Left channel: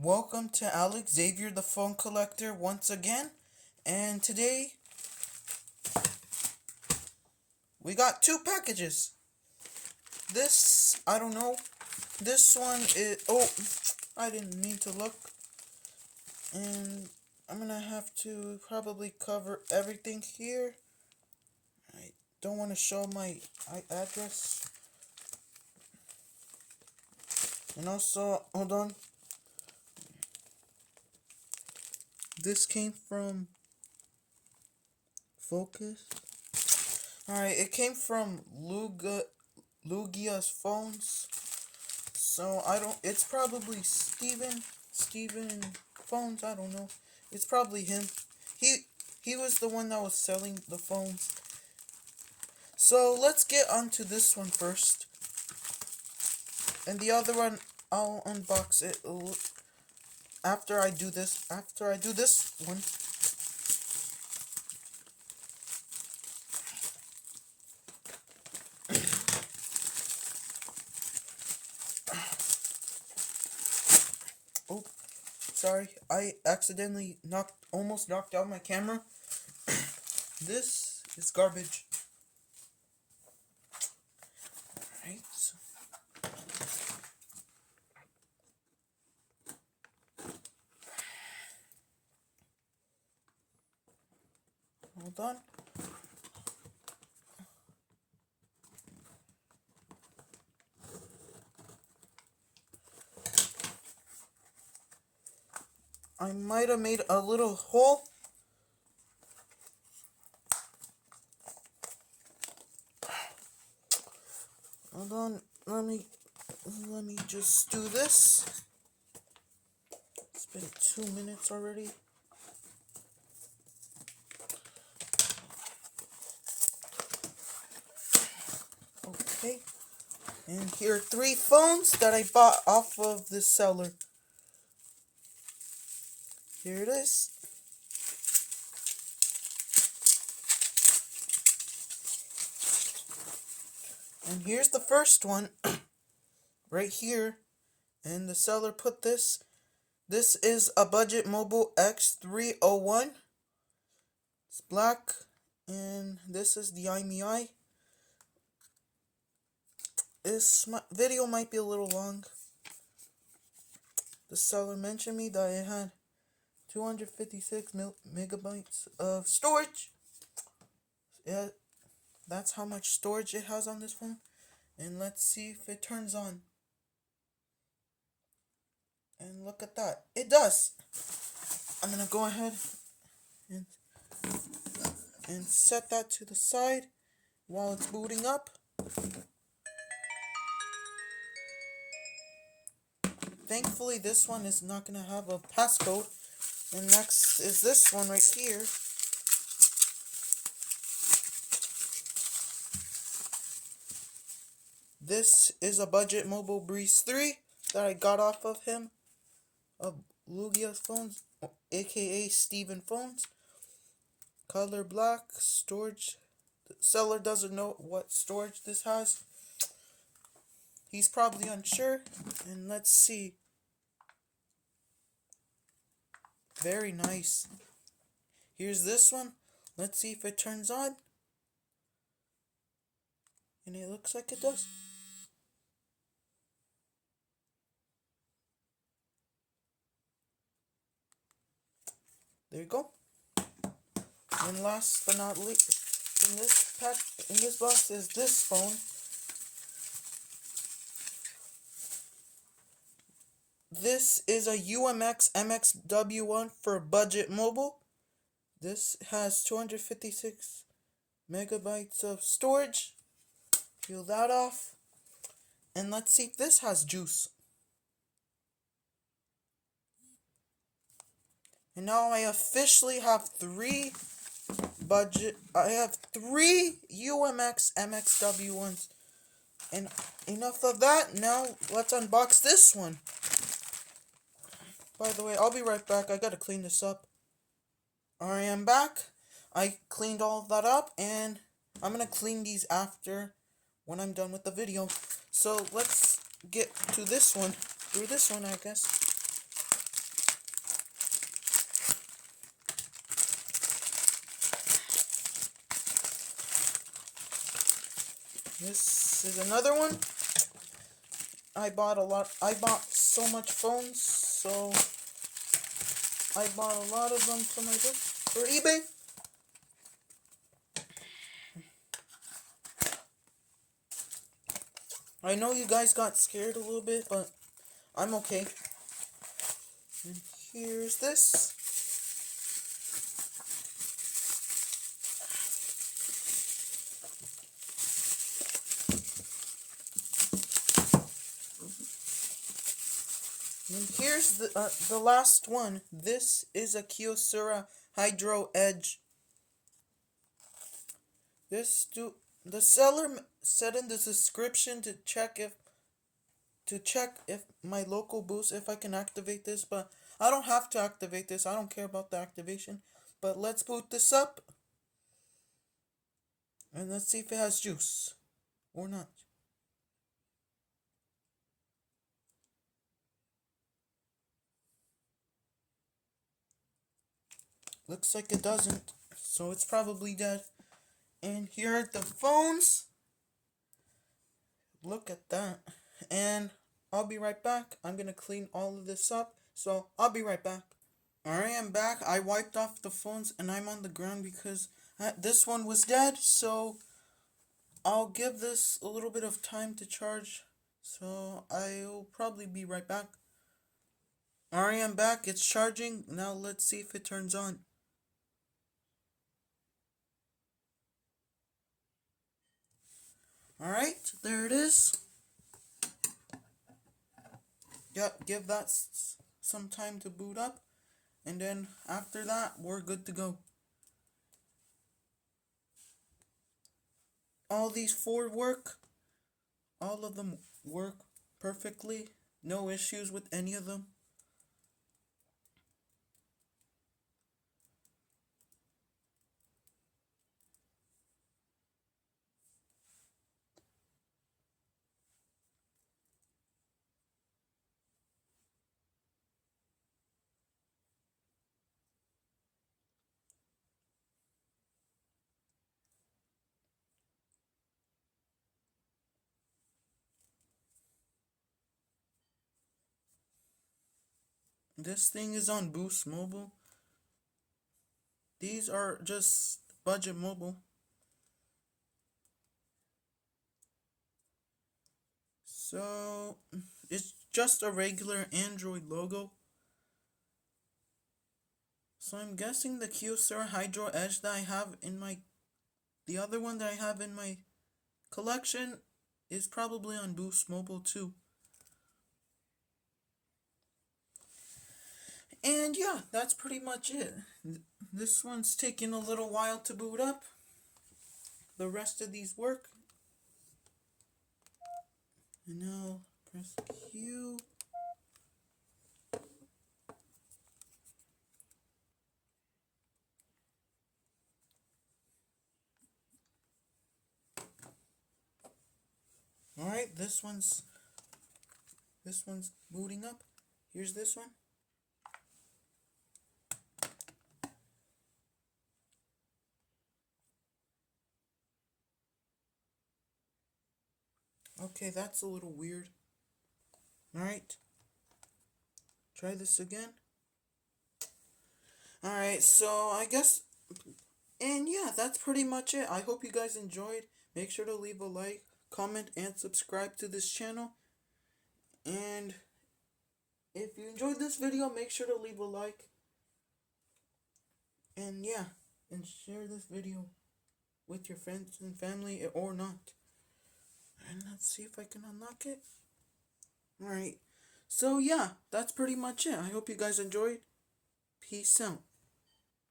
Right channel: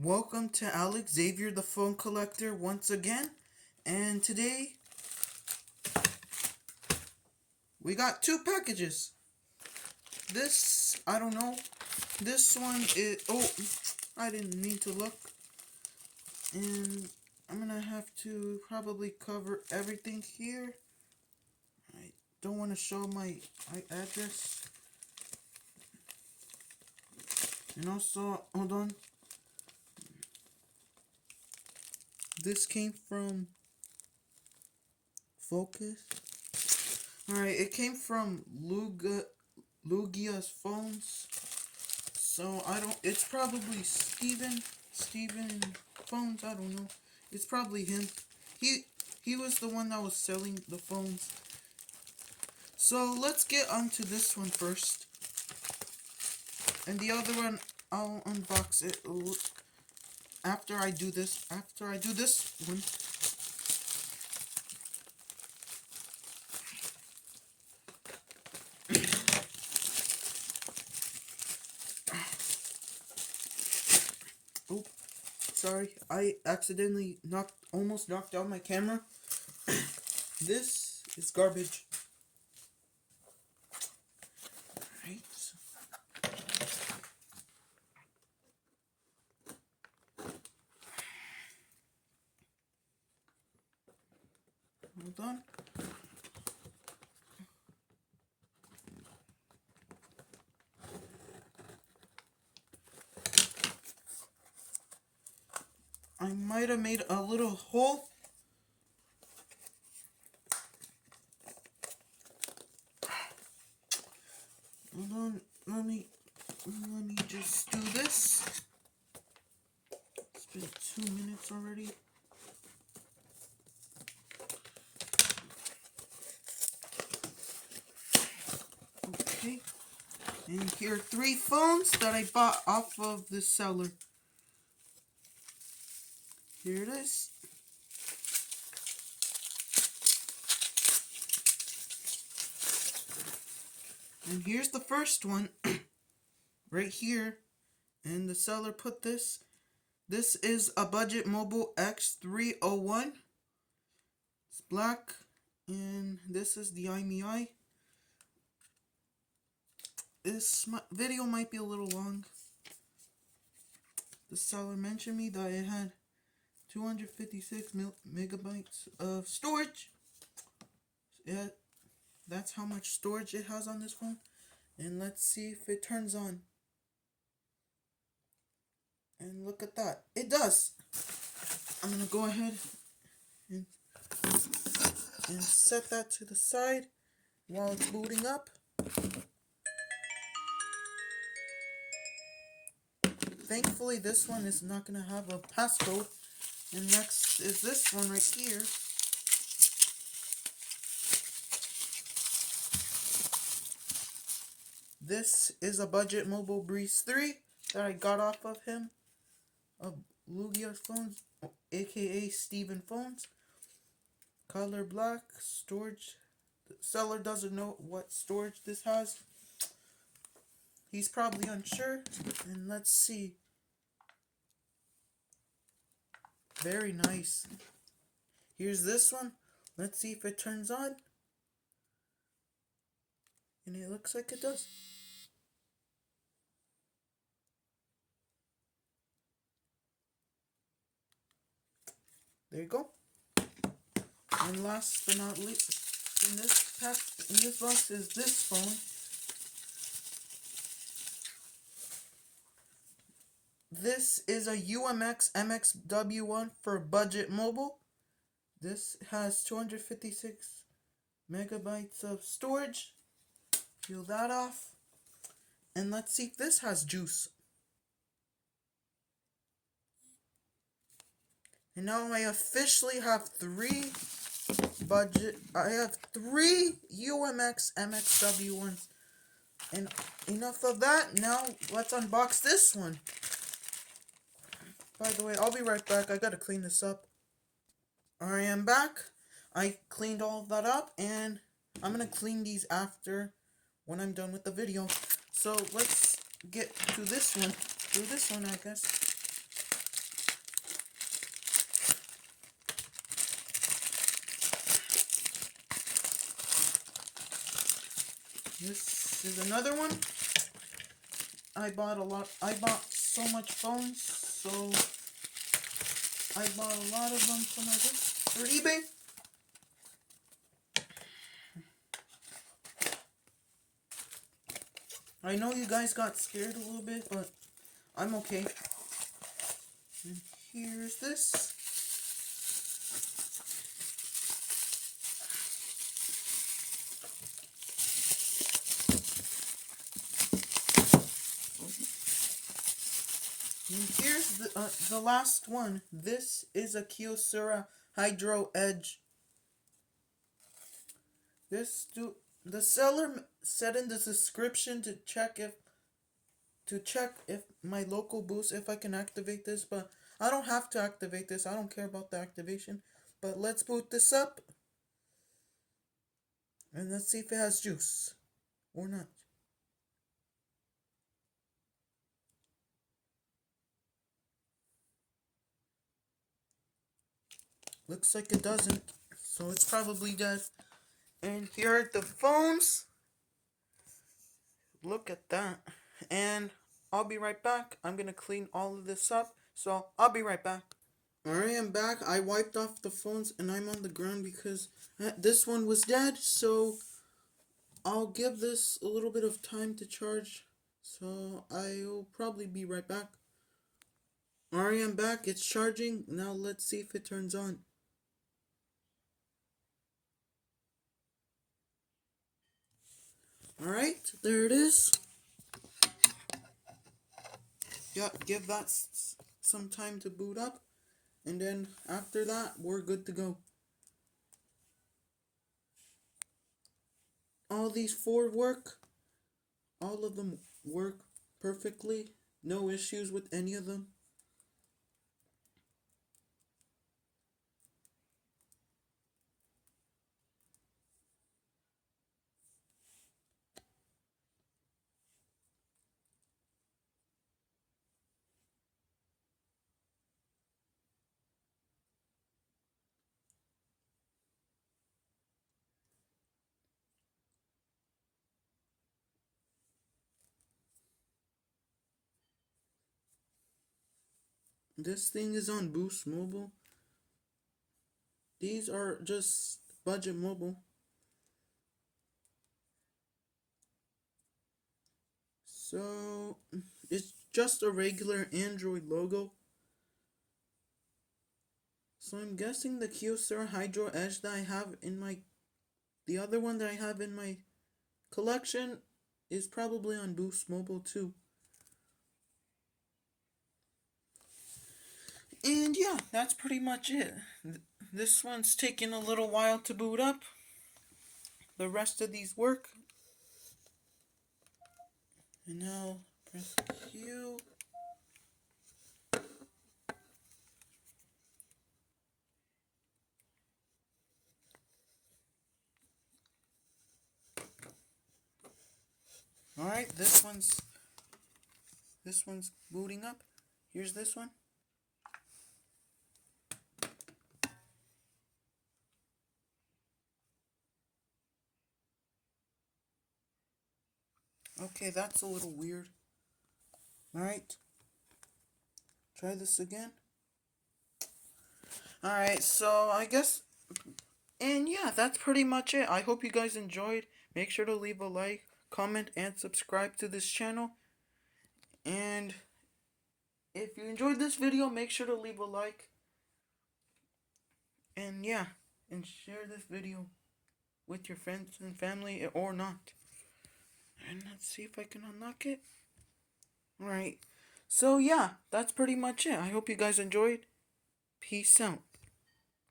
Welcome to Alex Xavier the Phone Collector once again, and today we got two packages. This, I don't know, this one is, I didn't mean to look, and I'm gonna have to probably cover everything here. I don't want to show my address, and also, hold on. This came from Focus. Alright, it came from Lugia's phones. So it's probably Steven phones, I don't know. It's probably him. He was the one that was selling the phones. So let's get onto this one first. And the other one, I'll unbox it after I do this one. Oh, sorry, I accidentally almost knocked out my camera. This is garbage. Alright. Hold on. I might have made a little hole. Hold on, let me just do this. It's been 2 minutes already. Okay. And here are 3 phones that I bought off of the seller. Here it is. And here's the first one. Right here. And the seller put this. This is a budget mobile X301. It's black. And this is the IMEI. This video might be a little long. The seller mentioned me that it had 256 megabytes of storage. Yeah, that's how much storage it has on this phone. And let's see if it turns on. And look at that. It does. I'm going to go ahead and set that to the side while it's booting up. Thankfully, this one is not going to have a passcode. And next is this one right here. This is a budget mobile Breeze 3 that I got off of him. Of Lugia's phones, aka Steven phones. Color black, storage. The seller doesn't know what storage this has. He's probably unsure. And let's see. Very nice. Here's this one. Let's see if it turns on. And it looks like it does. There you go. And last but not least, in this box is this phone. This is a UMX MXW1 for budget mobile. This has 256 megabytes of storage. Peel that off. And let's see if this has juice. And now I officially have 3 UMX MXW1s. And enough of that, now let's unbox this one. By the way, I'll be right back. I gotta clean this up. I am back. I cleaned all of that up, and I'm gonna clean these after when I'm done with the video. So let's get to this one. Do this one, I guess. This is another one. I bought so much phones, so I bought a lot of them for eBay. I know you guys got scared a little bit, but I'm okay. And here's this. And here's the last one. This is a Kyocera Hydro Edge. The seller said in the description to check if my local boost, if I can activate this, but I don't have to activate this. I don't care about the activation. But let's boot this up. And let's see if it has juice or not. Looks like it doesn't. So it's probably dead. And here are the phones. Look at that. And I'll be right back. I'm going to clean all of this up. So I'll be right back. Alright, I'm back. I wiped off the phones and I'm on the ground because this one was dead. So I'll give this a little bit of time to charge. So I'll probably be right back. Alright, I'm back. It's charging. Now let's see if it turns on. Alright, there it is. Yep, give that some time to boot up. And then after that, we're good to go. All these four work. All of them work perfectly. No issues with any of them. This thing is on Boost Mobile. These are just budget mobile. So it's just a regular Android logo. So I'm guessing the Kyocera Hydro Edge that I have in the other one that I have in my collection is probably on Boost Mobile too. And yeah, that's pretty much it. This one's taking a little while to boot up. The rest of these work. And now press Q. Alright, this one's booting up. Here's this one. Okay, that's a little weird. Alright. Try this again. Alright, so I guess... And yeah, that's pretty much it. I hope you guys enjoyed. Make sure to leave a like, comment, and subscribe to this channel. And if you enjoyed this video, make sure to leave a like. And yeah, and share this video with your friends and family or not. And let's see if I can unlock it. Alright. So yeah, that's pretty much it. I hope you guys enjoyed. Peace out.